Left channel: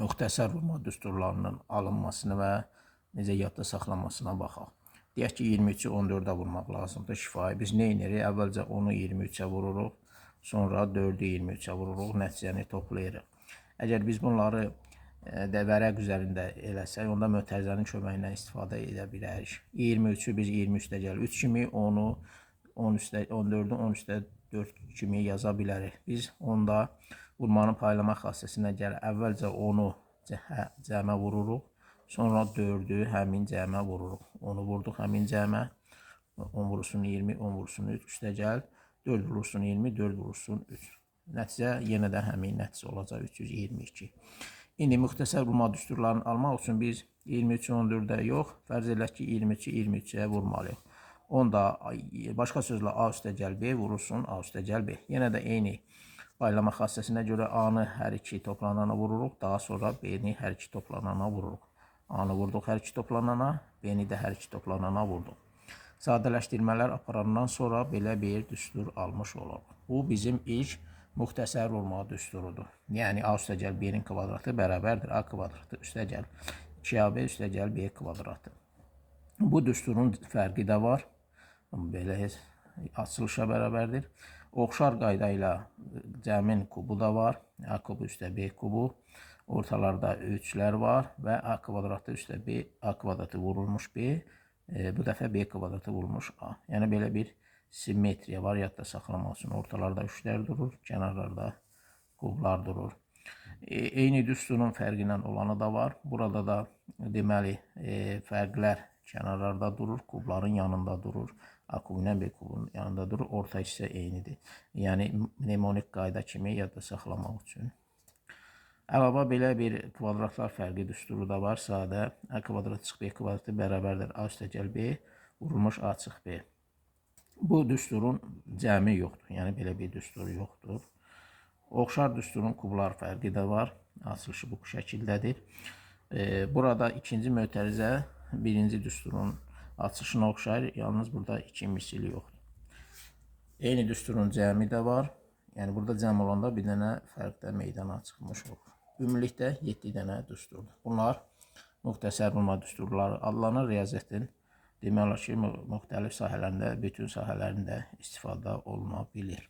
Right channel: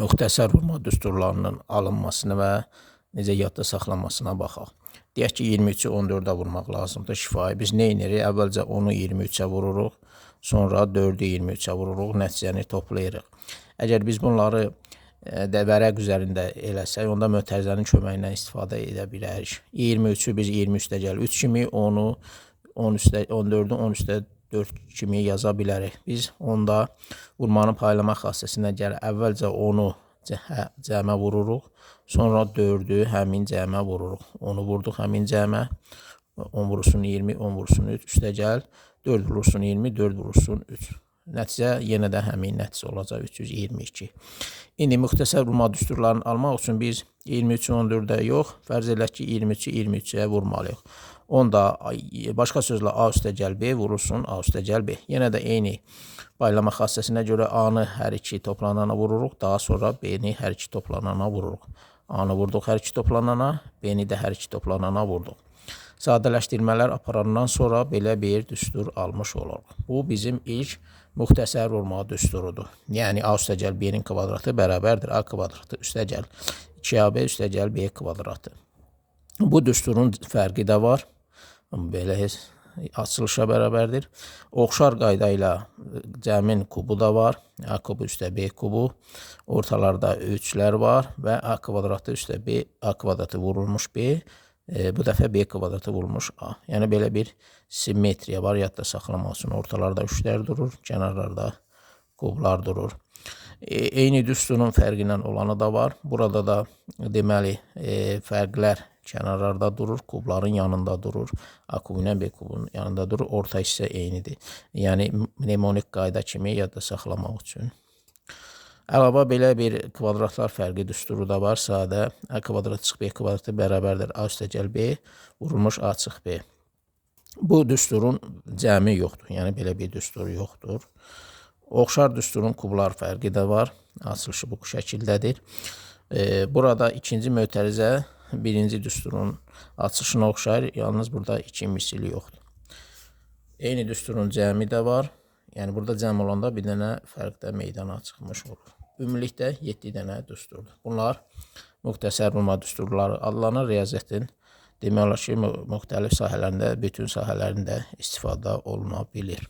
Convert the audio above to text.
müxtəsər vurma düsturlarının alınmasına və necə yadda saxlanmasına baxaq. Deyək ki, 23-ü 14-ə vurmaq lazımdır şifahi. Biz nə edirik? Əvvəlcə 10-u 23-ə vururuq, sonra 4-ü 23-ə vururuq, nəticəni toplayırıq. Əgər biz bunları vərəq üzərində eləsək, onda mötərizənin köməyindən istifadə edə bilərik. 23-ü biz 20 üstə gəl 3 kimi, 10-u 14-ü 10 üstə 4 kimi yaza bilərik. Biz onda vurmanın paylama xassəsinə gələ əvvəlcə 10-u cəmə vururuq, sonra 4-ü həmin cəmə vururuq. 10-u vurduq həmin cəmə, 10 vurursun 20, 10 vurursun 3, üstə gəl, 4 vurursun 20, 4 vurursun 3. Nəticə yenə də həmin nəticə olacaq 322. İndi müxtəsər vurma düsturlarını almaq üçün biz 23-ü 14-ə yox, fərz edək ki, 23-ü 23-ə vurmalıyıq. Onda başqa sözlə A üstə gəl B vurursun, A üstə gəl B. Yenə də eyni paylama xassəsinə görə A-nı hər iki toplanana vururuq, daha sonra B-ni hər iki toplanana vururuq. A-nı vurduq hər iki toplanana, B-ni də hər iki toplanana vurduq. Sadələşdirmələr aparandan sonra belə bir düstur almış oluruq. Bu bizim ilk müxtəsər vurma düsturudur. Yəni A üstə gəl B-nin kvadratı bərabərdir A kvadratı üstə gəl 2AB üstə gəl B kvadratı. Bu düsturun fərqi də var. Belə açılışa bərabərdir. Oxşar qayda ilə cəmin kubu da var. A kubu üstə B kubu. Ortalarda 3'lər var və A kvadratı üstə B, A kvadratı vurulmuş B. Bu dəfə B kvadratı vurulmuş A. Yəni belə bir simmetriya var. Yadda saxlamaq üçün ortalarda 3'lər durur, kənarlarda kublar durur. Eyni düsturun fərqi ilə olanı da var. Burada da deməli fərqlər kənarlarda durur, kubların yanında durur. A kubu ilə B kubunun yanında durur. Orta hissə eynidir. Yəni mnemonik qayda kimi yadda saxlamaq üçün. Əlavə belə bir kvadratlar fərqi düsturu da var. Sadə A kvadrat çıx B kvadratı bərabərdir A üstə gəl B vurulmuş A çıx B. Bu düsturun cəmi yoxdur. Yəni belə bir düstur yoxdur. Oxşar düsturun kublar fərqi də var. Açılışı bu şəkildədir. Burada ikinci mötərizə birinci düsturun açılışına oxşayır. Yalnız burada iki misili yoxdur. Eyni düsturun cəmi də var. Yəni burada cəm olanda bir dənə fərq də meydana çıxmış olur. Ümumilikdə 7 dənə düsturdur. Bunlar müxtəsər vurma düsturları adlanır. Riyaziyyatın demək olar ki, müxtəlif sahələrində, bütün sahələrində istifadə oluna bilir.